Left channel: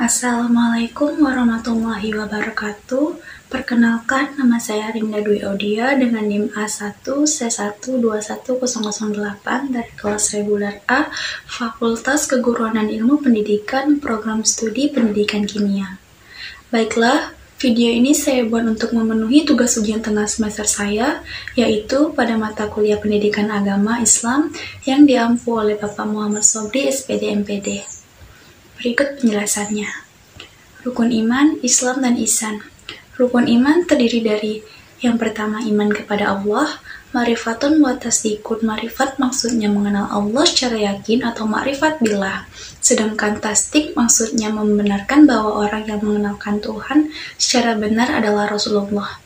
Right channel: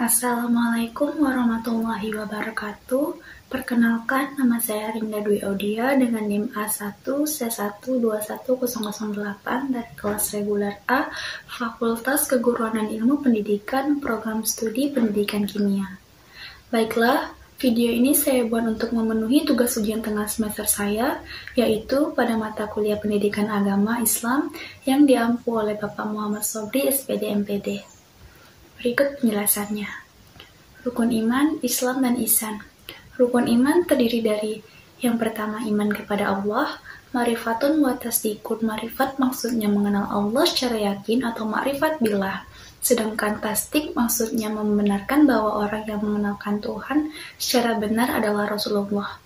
Assalamualaikum warahmatullahi wabarakatuh. Perkenalkan, nama saya Rinda Dwi Audia dengan NIM A1C1210008 dari kelas reguler A, Fakultas Keguruan dan Ilmu Pendidikan, Program Studi Pendidikan Kimia. Baiklah, video ini saya buat untuk memenuhi tugas ujian tengah semester saya, yaitu pada mata kuliah Pendidikan Agama Islam yang diampu oleh Bapak Muhammad Sobri, SPD MPD. Berikut penjelasannya. Rukun iman, Islam, dan ihsan. Rukun iman terdiri dari yang pertama iman kepada Allah, ma'rifatun wa tasdikun. Ma'rifat maksudnya mengenal Allah secara yakin atau ma'rifat billah. Sedangkan tasdik maksudnya membenarkan bahwa orang yang mengenalkan Tuhan secara benar adalah Rasulullah.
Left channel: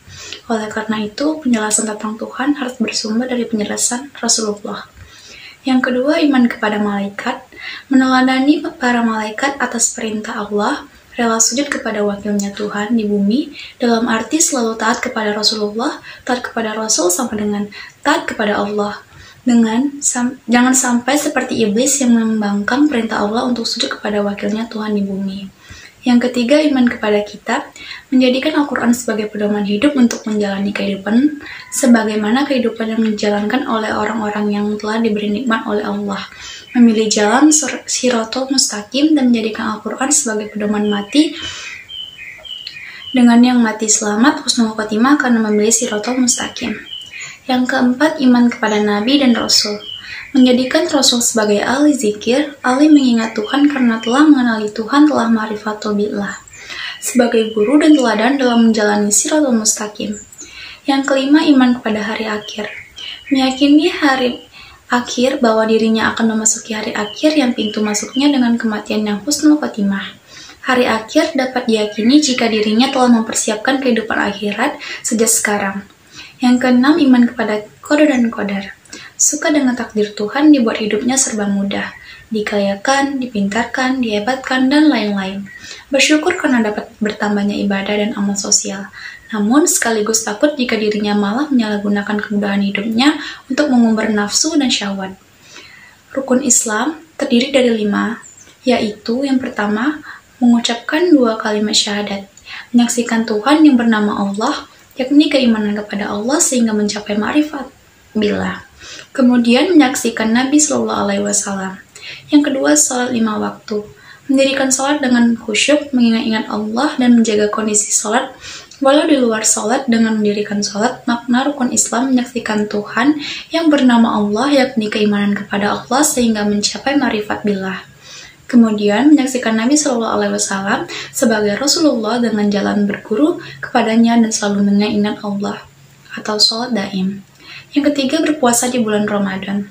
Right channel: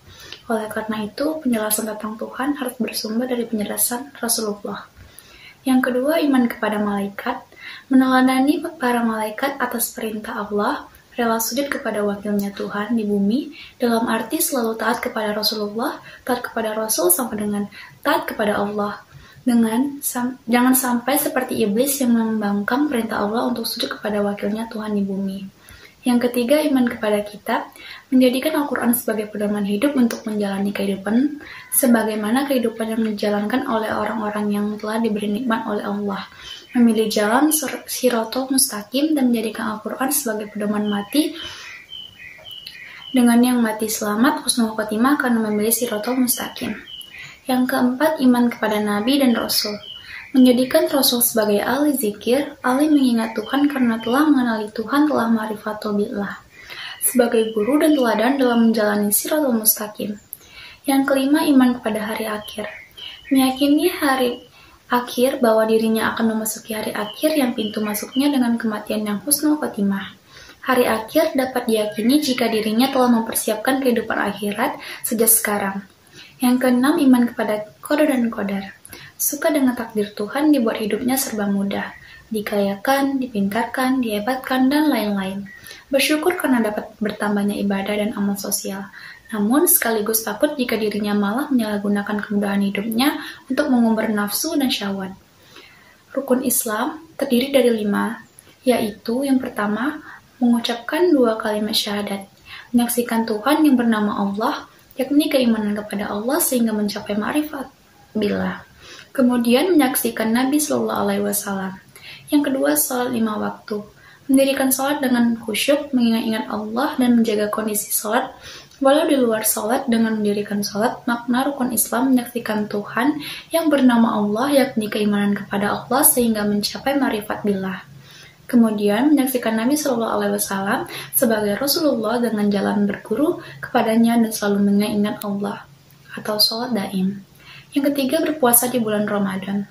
Oleh karena itu, penjelasan tentang Tuhan harus bersumber dari penjelasan Rasulullah. Yang kedua, iman kepada malaikat, meneladani para malaikat atas perintah Allah, rela sujud kepada wakilnya Tuhan di bumi, dalam arti selalu taat kepada Rasulullah, taat kepada Rasul sama dengan taat kepada Allah. Jangan sampai seperti iblis yang membangkang perintah Allah untuk sujud kepada wakilnya Tuhan di bumi. Yang ketiga, iman kepada kitab, menjadikan Al-Quran sebagai pedoman hidup untuk menjalani kehidupan, sebagaimana kehidupan yang dijalankan oleh orang-orang yang telah diberi nikmat oleh Allah. Memilih jalan Shirathul Mustaqim dan menjadikan Al-Quran sebagai pedoman mati, dengan yang mati selamat, husnul khotimah karena memilih Shirathul Mustaqim. Yang keempat, iman kepada Nabi dan Rasul. Menjadikan Rasul sebagai ahli zikir, ahli mengingat Tuhan karena telah mengenali Tuhan, telah ma'rifatul billah, sebagai guru dan teladan dalam menjalani Shirathul Mustaqim. Yang kelima, iman kepada hari akhir. Meyakini hari akhir bahwa dirinya akan memasuki hari akhir yang pintu masuknya dengan kematian yang husnul khotimah. Hari akhir dapat diyakini jika dirinya telah mempersiapkan kehidupan akhirat sejak sekarang. Yang keenam, iman kepada qada dan qadar. Suka dengan takdir Tuhan, dibuat hidupnya serba mudah, dikayakan, dipintarkan, dihebatkan, dan lain-lain. Bersyukur karena dapat bertambahnya ibadah dan amal sosial. Namun sekaligus takut jika dirinya malah menyalahgunakan kemudahan hidupnya untuk mengumbar nafsu dan syahwat. Rukun Islam terdiri dari 5, yaitu yang pertama, mengucapkan 2 kalimat syahadat, menyaksikan Tuhan yang bernama Allah, yakni keimanan kepada Allah sehingga mencapai ma'rifat billah. Kemudian menyaksikan Nabi Shallallahu Alaihi Wasallam. Yang kedua, salat 5 waktu, mendirikan salat dengan khusyuk, mengingat-ingat Allah dan menjaga kondisi salat. Walau di luar salat, dengan mendirikan salat, makna rukun Islam menyaksikan Tuhan yang bernama Allah, yakni keimanan kepada Allah sehingga mencapai ma'rifat billah. Kemudian menyaksikan Nabi Shallallahu Alaihi Wasallam sebagai Rasulullah dengan jalan berguru kepadanya dan selalu mengingat Allah atau salat daim. Yang ketiga, berpuasa di bulan Ramadan.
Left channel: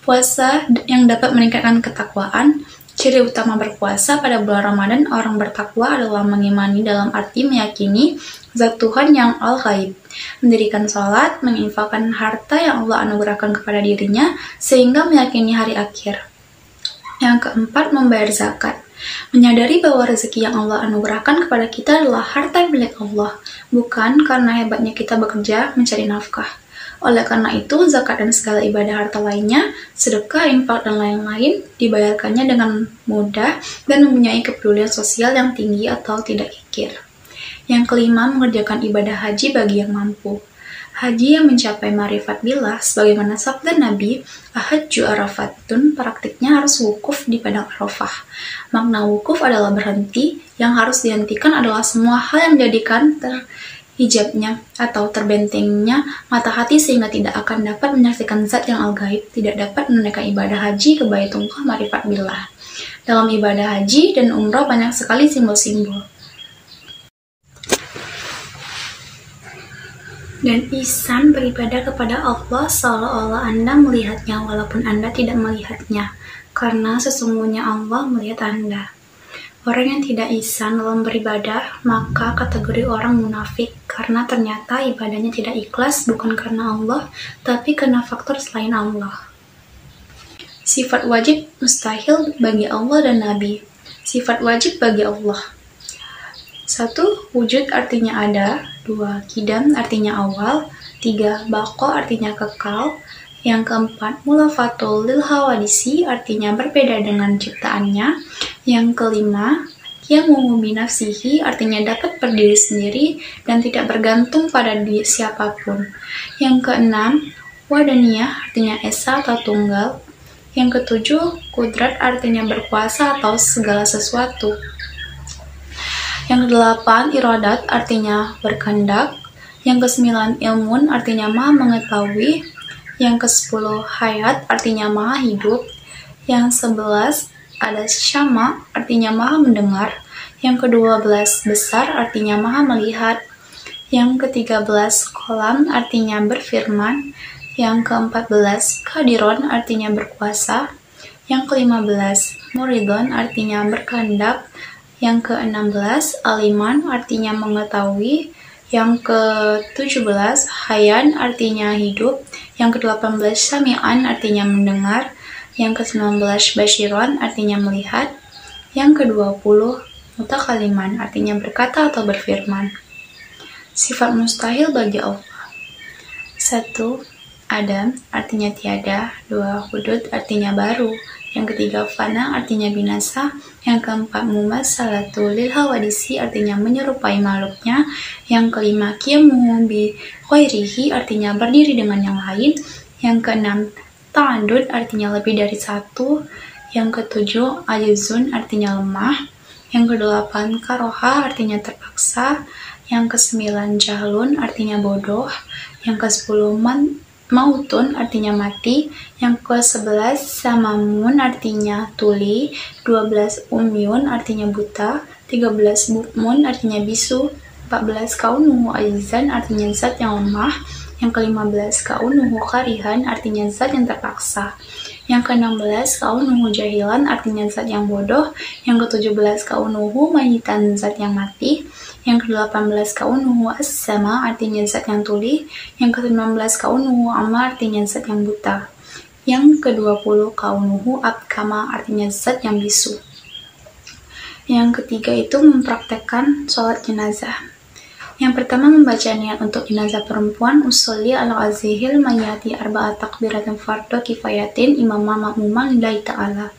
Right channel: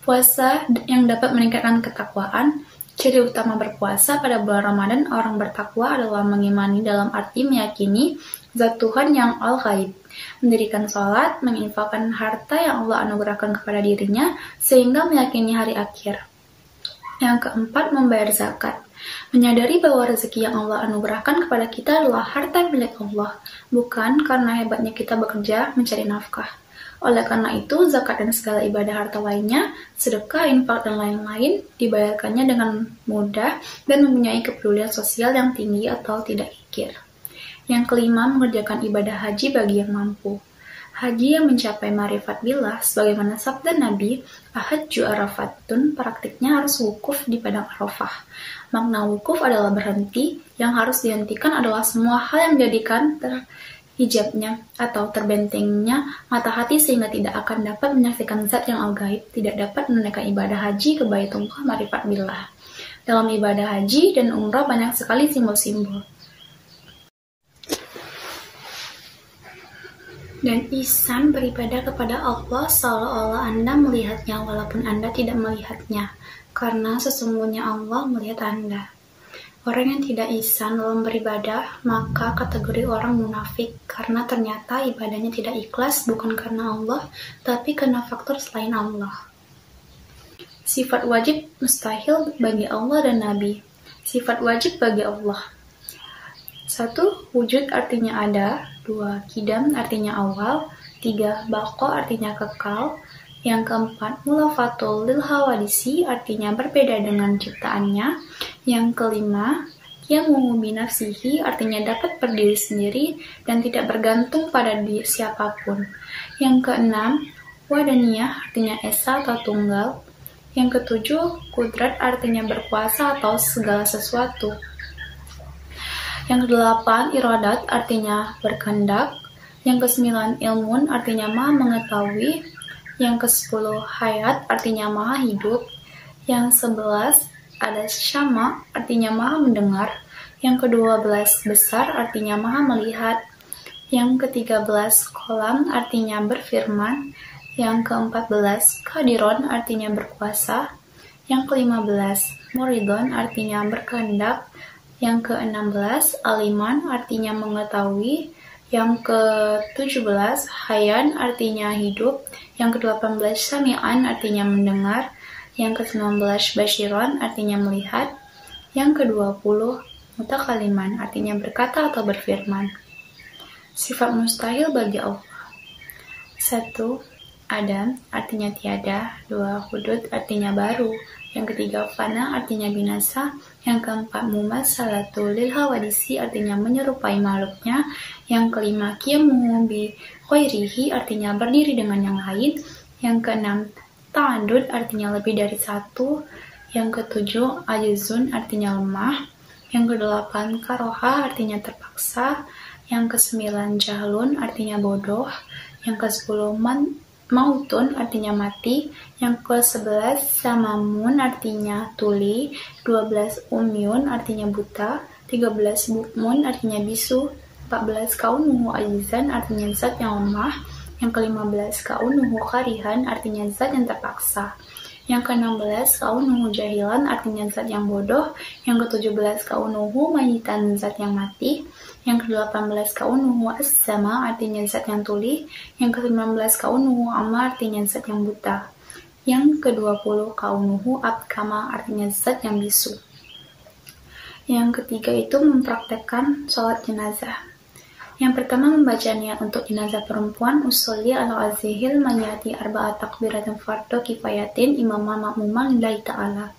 Puasa yang dapat meningkatkan ketakwaan. Ciri utama berpuasa pada bulan Ramadan orang bertakwa adalah mengimani dalam arti meyakini zat Tuhan yang al-ghaib, mendirikan sholat, menginfakkan harta yang Allah anugerahkan kepada dirinya, sehingga meyakini hari akhir. Yang keempat, membayar zakat. Menyadari bahwa rezeki yang Allah anugerahkan kepada kita adalah harta milik Allah, bukan karena hebatnya kita bekerja mencari nafkah. Oleh karena itu, zakat dan segala ibadah harta lainnya, sedekah, infak, dan lain-lain, dibayarkannya dengan mudah dan mempunyai kepedulian sosial yang tinggi atau tidak kikir. Yang kelima, mengerjakan ibadah haji bagi yang mampu. Haji yang mencapai ma'rifat billah, sebagaimana sabda Nabi, ahajju arafatun, praktiknya harus wukuf di padang Arafah. Makna wukuf adalah berhenti, yang harus dihentikan adalah semua hal yang menjadikan hijabnya atau terbentengnya mata hati sehingga tidak akan dapat menyaksikan zat yang al-ghaib, tidak dapat menunaikan ibadah haji ke Baitullah ma'rifat billah. Dalam ibadah haji dan umrah banyak sekali simbol-simbol. Dan ihsan, beribadah kepada Allah seolah-olah Anda melihatnya walaupun Anda tidak melihatnya, karena sesungguhnya Allah melihat Anda. Orang yang tidak ihsan dalam beribadah, maka kategori orang munafik, karena ternyata ibadahnya tidak ikhlas bukan karena Allah, tapi karena faktor selain Allah. Sifat wajib mustahil bagi Allah dan Nabi. Sifat wajib bagi Allah. 1. Wujud artinya ada. 2. Qidam artinya awal. 3. Baqa artinya kekal. Yang keempat, mulafatul lil hawadisi artinya berbeda dengan ciptaannya. Yang kelima, Yaqumu binafsihi artinya dapat berdiri sendiri dan tidak bergantung pada siapapun. Yang keenam, wadaniyah artinya esa atau tunggal. Yang ketujuh, kudrat artinya berkuasa atau segala sesuatu. Yang kedelapan, iradat artinya berkehendak. Yang kesembilan, ilmun artinya maha mengetahui. Yang kesepuluh, hayat artinya maha hidup. Yang 11 ada syama artinya maha mendengar. Yang ke-12 besar artinya maha melihat. Yang ke-13 kolam artinya berfirman. Yang ke-14 kadiron artinya berkuasa. Yang ke-15 muridon artinya berkehendak. Yang ke-16 aliman artinya mengetahui. Yang ke-17 hayan artinya hidup. Yang ke-18 sami'an artinya mendengar. Yang ke-19 basyiron artinya melihat. Yang ke-20 mutakaliman artinya berkata atau berfirman. Sifat mustahil bagi Allah. 1. Adam artinya tiada. 2. Hudud artinya baru. Yang ketiga fana artinya binasa. Yang keempat mumasalatu lil hawadisi artinya menyerupai makhluknya. Yang kelima qiyamu bi ghairihi artinya berdiri dengan yang lain. Yang keenam ta'addud artinya lebih dari satu. Yang ketujuh ajizun artinya lemah. Yang kedelapan karoha artinya terpaksa. Yang kesembilan jahlun artinya bodoh. Yang kesepuluh mautun artinya mati. Yang ke-11 samamun artinya tuli. 12 umyun artinya buta. 13 bukmun artinya bisu. 14 kaunuhu ajizan artinya zat yang lemah. Yang ke-15 kaunuhu karihan artinya zat yang terpaksa. Yang ke-16 kaunuhu jahilan artinya zat yang bodoh. Yang ke-17 kaunuhu mayitan zat yang mati. Yang ke-18 kaunuhu as-sama artinya zat yang tuli. Yang ke-19 kaunuhu ama artinya zat yang buta. Yang ke-20 kaunuhu abkama artinya zat yang bisu. Yang ketiga itu mempraktekkan sholat jenazah. Yang pertama membaca niat untuk jenazah perempuan, usolli ala azihil mayati arba'at takbiratin fardo kifayatin imamah makmumah lillahi ta'ala.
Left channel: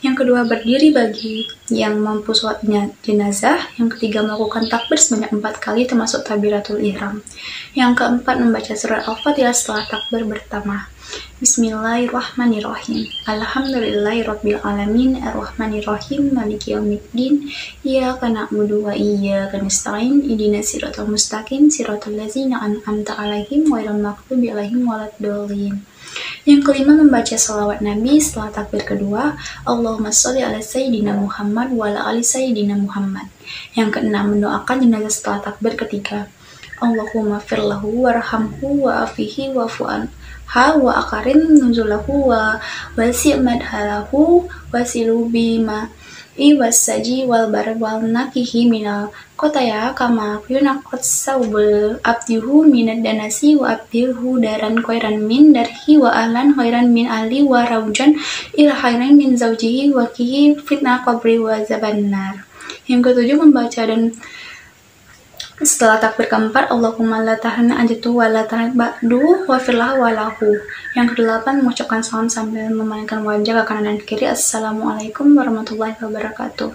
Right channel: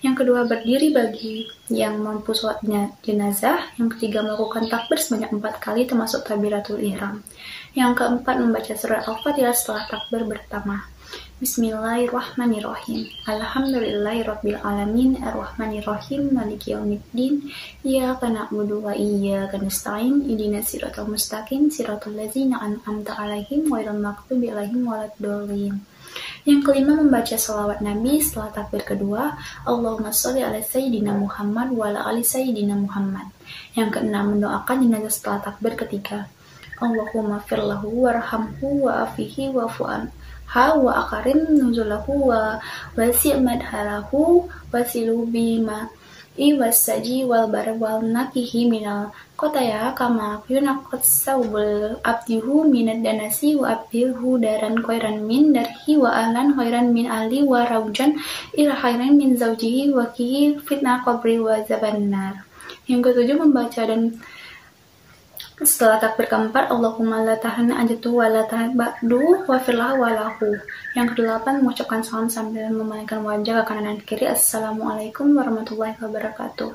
Yang kedua berdiri bagi yang mampu sholat jenazah. Yang ketiga melakukan takbir sebanyak 4 kali termasuk takbiratul ihram. Yang keempat membaca surat Al-Fatihah setelah takbir pertama. Bismillahirrahmanirrahim. Alhamdulillahirabbil alamin arrahmanirrahim maliki yaumiddin. Iyyaka na'budu wa iyyaka nasta'in. Ihdinas siratal mustaqim siratal ladzina an'amta 'alaihim ghairil maghdubi alaihim waladdallin. Yang kelima membaca shalawat Nabi setelah takbir kedua. Allahumma sholli ala sayyidina Muhammad wa ala ali sayyidina Muhammad. Yang keenam mendoakan jenazah setelah takbir ketiga. Allahumma firlahu warhamhu wa afihi wa fu'an wa akarim nuzulahu wa wasi' madhalahu wasilu bima iwasaji wal bar wal nakihi minal kotaya kama yunakot saubul abdihu minad danasi wa abdihu daran khairan min darhi wa ahlan khairan min ahli wa raujan ila khairan min zawjihi wa kihi fitnah qabri wa zabannar. Yang ketujuh membaca dan setelah takbir keempat, Allahumma la tahana ajatu wa la tahana ba'du wa firlah wa lahu. Yang kedelapan mengucapkan salam sambil memalingkan wajah ke kanan dan kiri. Assalamualaikum warahmatullahi wabarakatuh.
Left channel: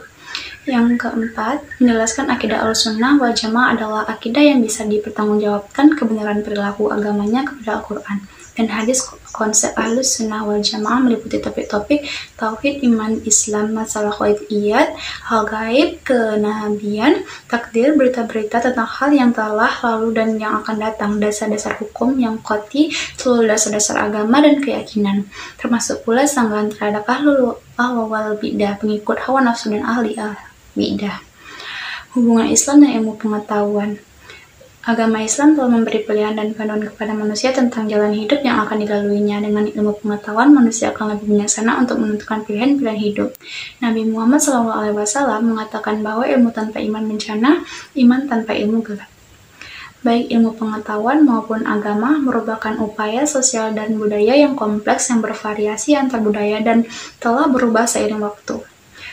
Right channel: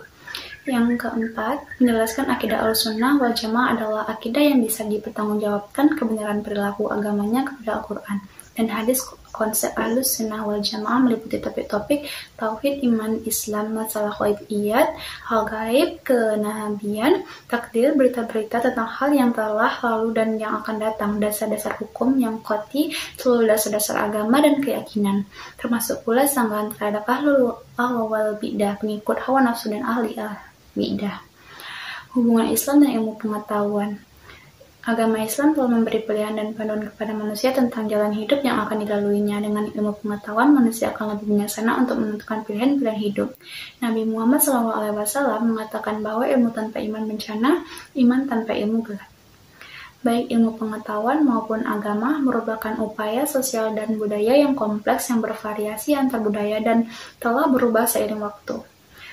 Yang keempat, menjelaskan akidah Ahlussunnah wal Jamaah adalah akidah yang bisa dipertanggungjawabkan kebenaran perilaku agamanya kepada Al-Quran dan hadis. Konsep Ahlussunnah wal Jamaah meliputi topik-topik tauhid, iman, Islam, masalah ghaibiyat, hal gaib, kenabian, takdir, berita-berita tentang hal yang telah lalu dan yang akan datang, dasar-dasar hukum yang qati, seluruh dasar-dasar agama dan keyakinan, termasuk pula sanggahan terhadap ahlul wal bidah, pengikut hawa nafsu dan ahli bidah. Hubungan Islam dan ilmu pengetahuan. Agama Islam telah memberi pilihan dan panduan kepada manusia tentang jalan hidup yang akan dilaluinya. Dengan ilmu pengetahuan, manusia akan lebih bijaksana untuk menentukan pilihan-pilihan hidup. Nabi Muhammad SAW mengatakan bahwa ilmu tanpa iman bencana, iman tanpa ilmu gelap. Baik ilmu pengetahuan maupun agama merupakan upaya sosial dan budaya yang kompleks yang bervariasi antar budaya dan telah berubah seiring waktu.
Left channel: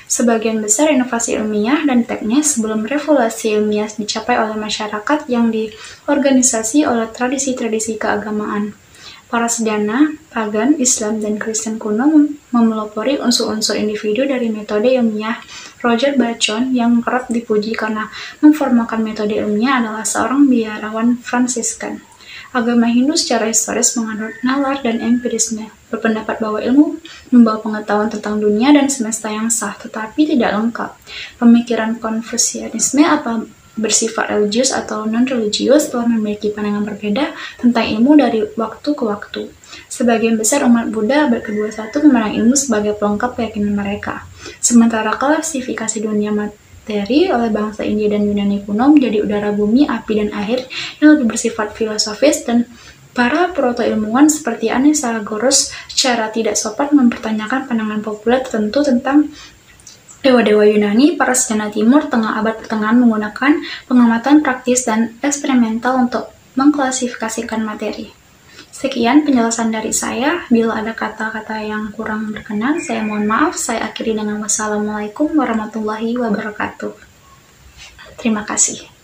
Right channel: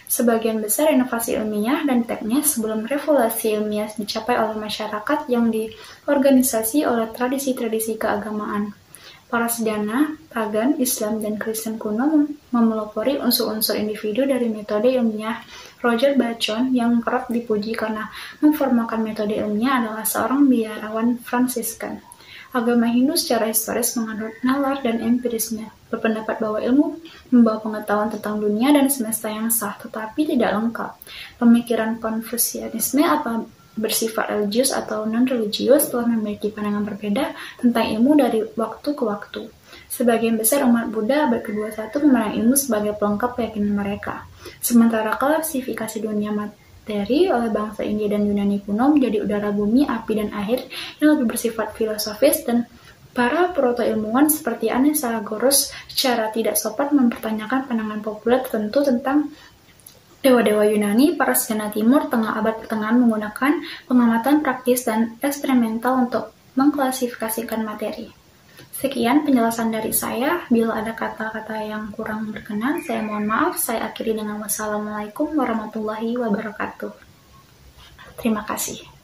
Sebagian besar inovasi ilmiah dan teknis sebelum revolusi ilmiah dicapai oleh masyarakat yang diorganisasi oleh tradisi-tradisi keagamaan. Para sejana, pagan, Islam, dan Kristen kuno memelopori unsur-unsur individu dari metode ilmiah. Roger Bacon yang kerap dipuji karena memformalkan metode ilmiah adalah seorang biarawan Fransiskan. Agama Hindu secara historis menganut nalar dan empirisme, berpendapat bahwa ilmu membawa pengetahuan tentang dunia dan semesta yang sah, tetapi tidak lengkap. Pemikiran Konfusianisme bersifat religius atau non-religius telah memiliki pandangan berbeda tentang ilmu dari waktu ke waktu. Sebagian besar umat Buddha abad ke-21 memandang ilmu sebagai pelengkap keyakinan mereka. Sementara klasifikasi dunia materi oleh bangsa India dan Yunani kuno menjadi udara, bumi, api, dan air yang lebih bersifat filosofis, dan para proto-ilmuwan seperti Anaxagoras secara tidak sopan mempertanyakan pandangan populer tertentu tentang dewa-dewa Yunani. Para sejarah Timur Tengah abad pertengahan menggunakan pengamatan praktis dan eksperimental untuk mengklasifikasikan materi. Sekian penjelasan dari saya. Bila ada kata-kata yang kurang berkenan, saya mohon maaf. Saya akhiri dengan wassalamualaikum warahmatullahi wabarakatuh. Terima kasih.